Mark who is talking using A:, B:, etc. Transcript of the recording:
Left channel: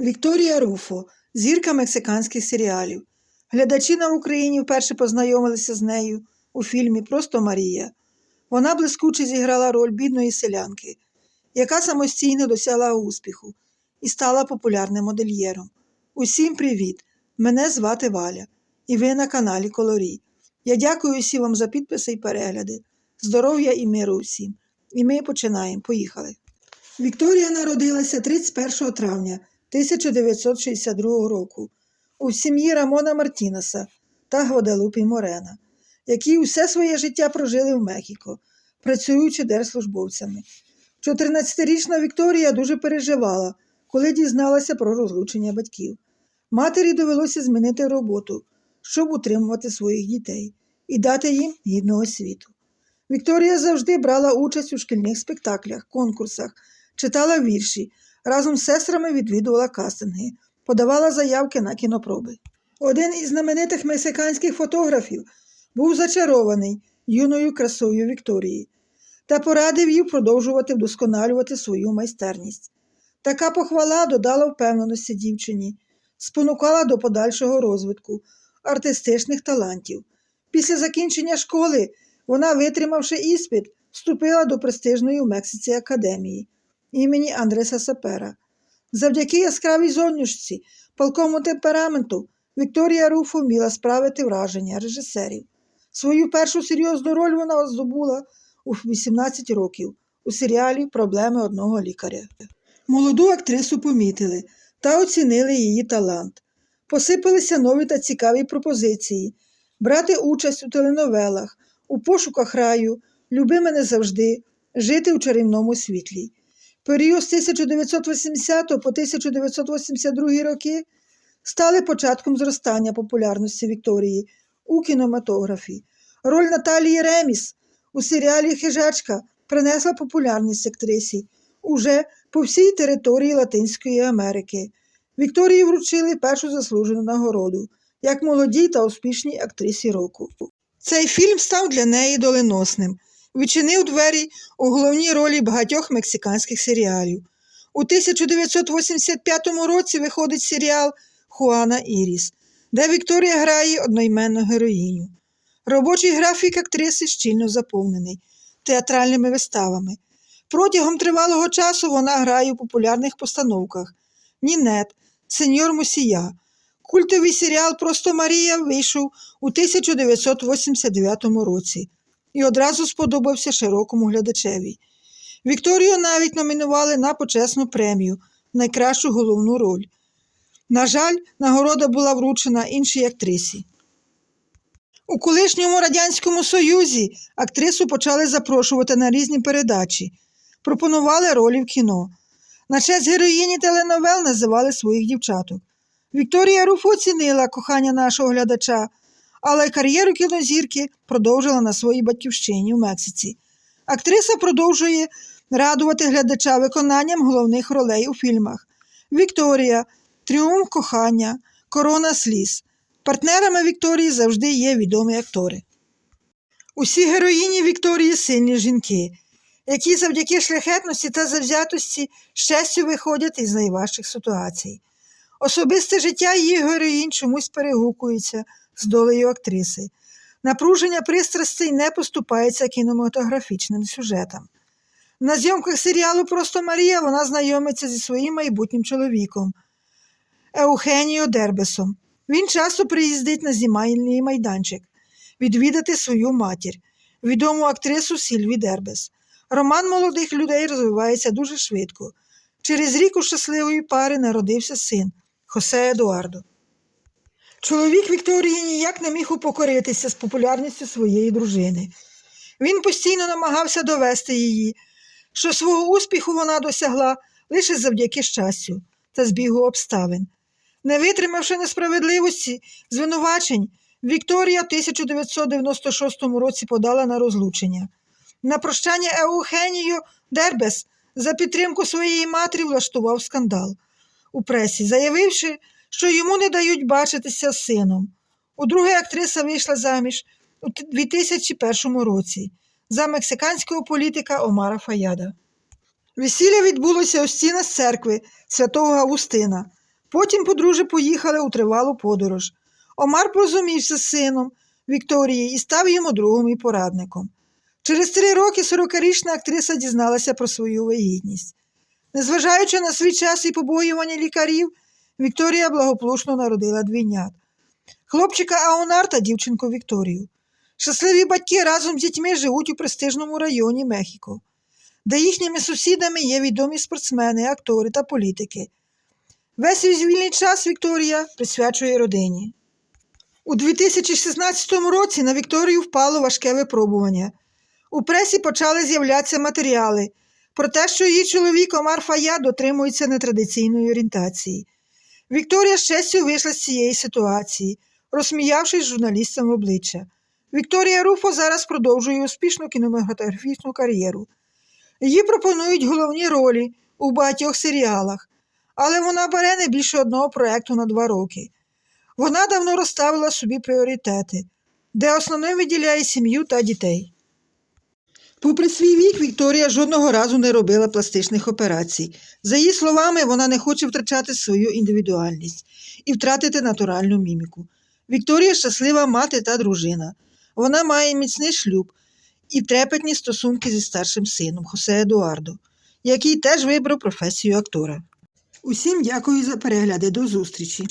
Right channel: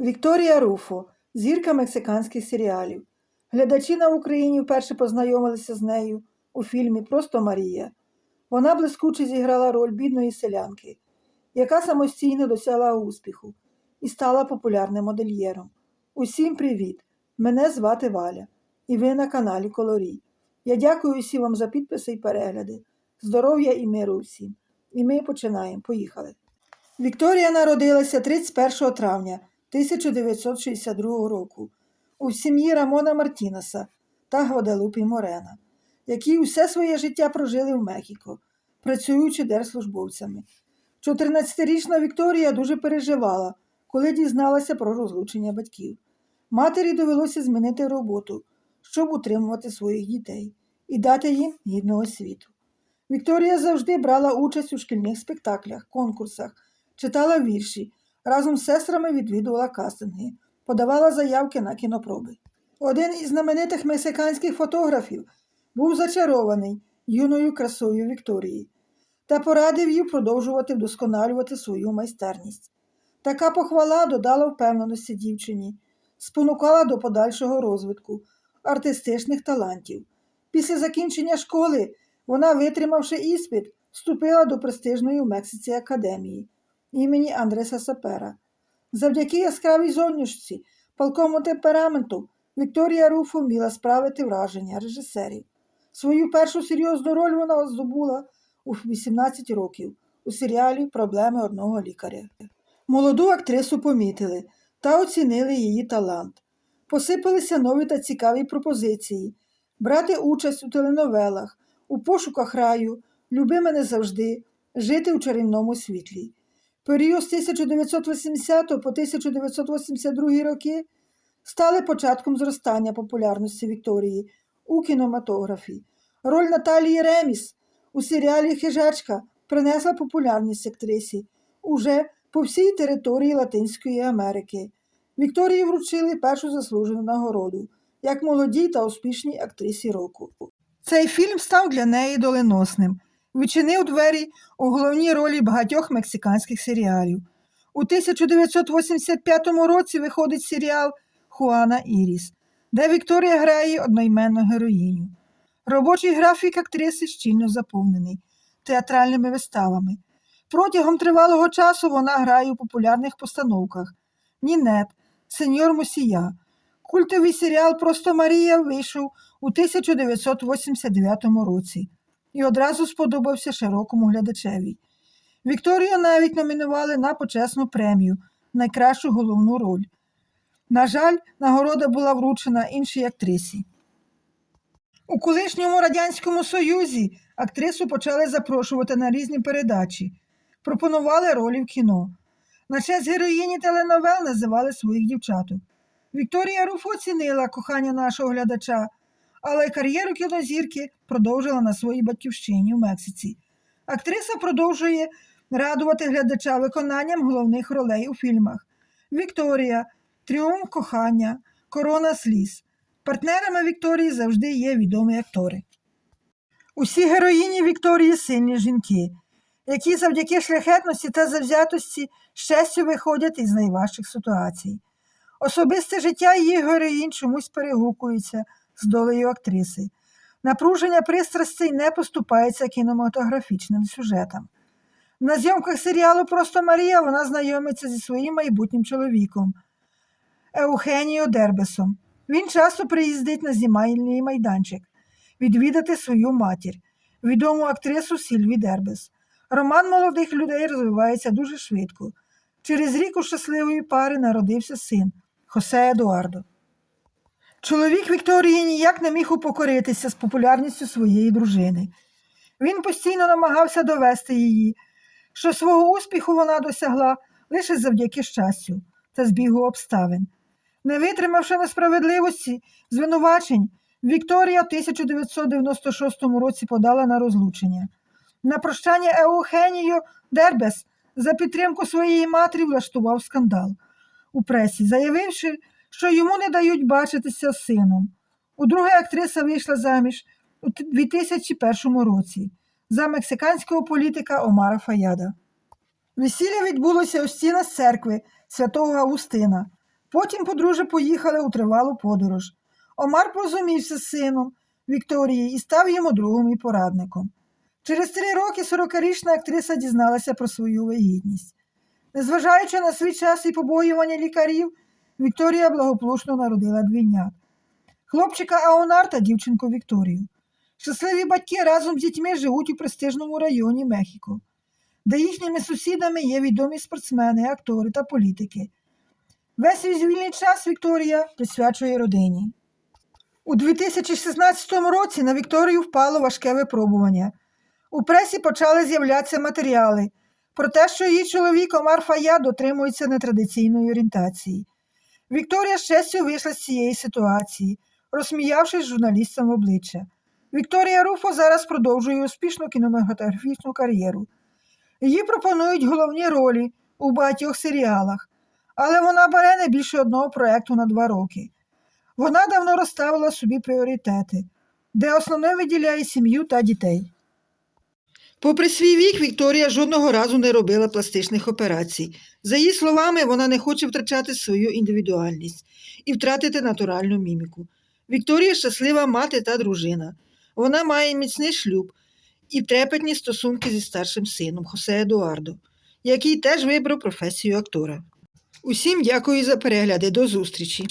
A: Вікторія Руфо, зірка мексиканських серіалів. Глядачі на Україні вперше познайомилися з нею у фільмі Просто Марія. Вона блискуче зіграла роль бідної селянки, яка самостійно досягла успіху і стала популярним модельєром. Усім привіт! Мене звати Валя, і ви на каналі Колорі. Я дякую усім вам за підписи і перегляди. Здоров'я і миру усім. І ми починаємо. Поїхали. Вікторія народилася 31 травня 1962 року у сім'ї Рамона Мартінеса та Гваделупі Морена, які усе своє життя прожили в Мехіко, працюючи держслужбовцями. 14-річна Вікторія дуже переживала, коли дізналася про розлучення батьків. Матері довелося змінити роботу, щоб утримувати своїх дітей і дати їм гідного світу. Вікторія завжди брала участь у шкільних спектаклях, конкурсах, читала вірші, разом з сестрами відвідувала кастинги, подавала заявки на кінопроби. Один із знаменитих мексиканських фотографів був зачарований юною красою Вікторії та порадив їй продовжувати вдосконалювати свою майстерність. Така похвала додала впевненості дівчині, спонукала до подальшого розвитку артистичних талантів. Після закінчення школи вона, витримавши іспит, вступила до престижної в Мексиці академії імені Андреса Сапера. Завдяки яскравій зовнішці, палкому темпераменту Вікторія Руфо вміла справити враження режисерів. Свою першу серйозну роль вона здобула у 18 років у серіалі Проблеми одного лікаря. Молоду актрису помітили та оцінили її талант. Посипалися нові та цікаві пропозиції брати участь у теленовелах, у пошуках раю, люби мене завжди, жити у чарівному світлі. Період з 1980 по 1982 роки стали початком зростання популярності Вікторії у кінематографі. Роль Наталії Реміс у серіалі Хижачка принесла популярність актрисі уже по всій території Латинської Америки. Вікторії вручили першу заслужену нагороду як молодій та успішній актрисі року. Цей фільм став для неї доленосним, відчинив двері у головній ролі багатьох мексиканських серіалів. У 1985 році виходить серіал Хуана Іріс, де Вікторія грає одноіменну героїню. Робочий графік актриси щільно заповнений театральними виставами. Протягом тривалого часу вона грає у популярних постановках Нінет, Сеньор Мусія. Культовий серіал Просто Марія вийшов у 1989 році і одразу сподобався широкому глядачеві. Вікторію навіть номінували на почесну премію найкращу головну роль. На жаль, нагорода була вручена іншій актрисі. У колишньому Радянському Союзі актрису почали запрошувати на різні передачі, пропонували ролі в кіно. На честь героїні теленовел називали своїх дівчаток. Вікторія Руф оцінила кохання нашого глядача, але кар'єру кінозірки продовжила на своїй батьківщині в Мексиці. Актриса продовжує радувати глядача виконанням головних ролей у фільмах: Вікторія, Тріумф кохання, Корона сліз. Партнерами Вікторії завжди є відомі актори. Усі героїні Вікторії сильні жінки, які завдяки шляхетності та завзятості щастю виходять із найважчих ситуацій. Особисте життя її героїнь чомусь перегукується з долею актриси. Напруження пристрастей не поступається кінематографічним сюжетам. На зйомках серіалу Просто Марія вона знайомиться зі своїм майбутнім чоловіком Еухеніо Дербесом. Він часто приїздить на знімальний майданчик відвідати свою матір, відому актрису Сільві Дербес. Роман молодих людей розвивається дуже швидко. Через рік у щасливої пари народився син Хосе Едуардо. Чоловік Вікторії ніяк не міг упокоритися з популярністю своєї дружини. Він постійно намагався довести її, що свого успіху вона досягла лише завдяки щастю та збігу обставин. Не витримавши несправедливості, звинувачень, Вікторія в 1996 році подала на розлучення. На прощання Еухеніо Дербес за підтримку своєї матері влаштував скандал у пресі, заявивши, що йому не дають бачитися з сином. Удруге актриса вийшла заміж у 2001 році за мексиканського політика Омара Фаяда. Весілля відбулося у стінах церкви святого Августина Потім подружжя поїхали у тривалу подорож. Омар порозумівся з сином Вікторії і став йому другом і порадником. Через три роки 40-річна актриса дізналася про свою вагітність. Незважаючи на свій час і побоювання лікарів, Вікторія благополучно народила двійнят. Хлопчика Аонар та дівчинку Вікторію. Щасливі батьки разом з дітьми живуть у престижному районі Мехіко, де їхніми сусідами є відомі спортсмени, актори та політики. Весь свій вільний час Вікторія присвячує родині. У 2016 році на Вікторію впало важке випробування. У пресі почали з'являтися матеріали про те, що її чоловік Омар Фая дотримується нетрадиційної орієнтації. Вікторія з вийшла з цієї ситуації, розсміявшись журналістам в обличчя. Вікторія Руфо зараз продовжує успішну кінематографічну кар'єру. Їй пропонують головні ролі у багатьох серіалах, але вона бере не більше одного проєкту на два роки. Вона давно розставила собі пріоритети, де основним виділяє сім'ю та дітей. Попри свій вік, Вікторія жодного разу не робила пластичних операцій. За її словами, вона не хоче втрачати свою індивідуальність і втратити натуральну міміку. Вікторія щаслива мати та дружина. Вона має міцний шлюб і трепетні стосунки зі старшим сином Хосе Едуардо, який теж вибрав професію актора. Усім дякую за перегляди. До зустрічі!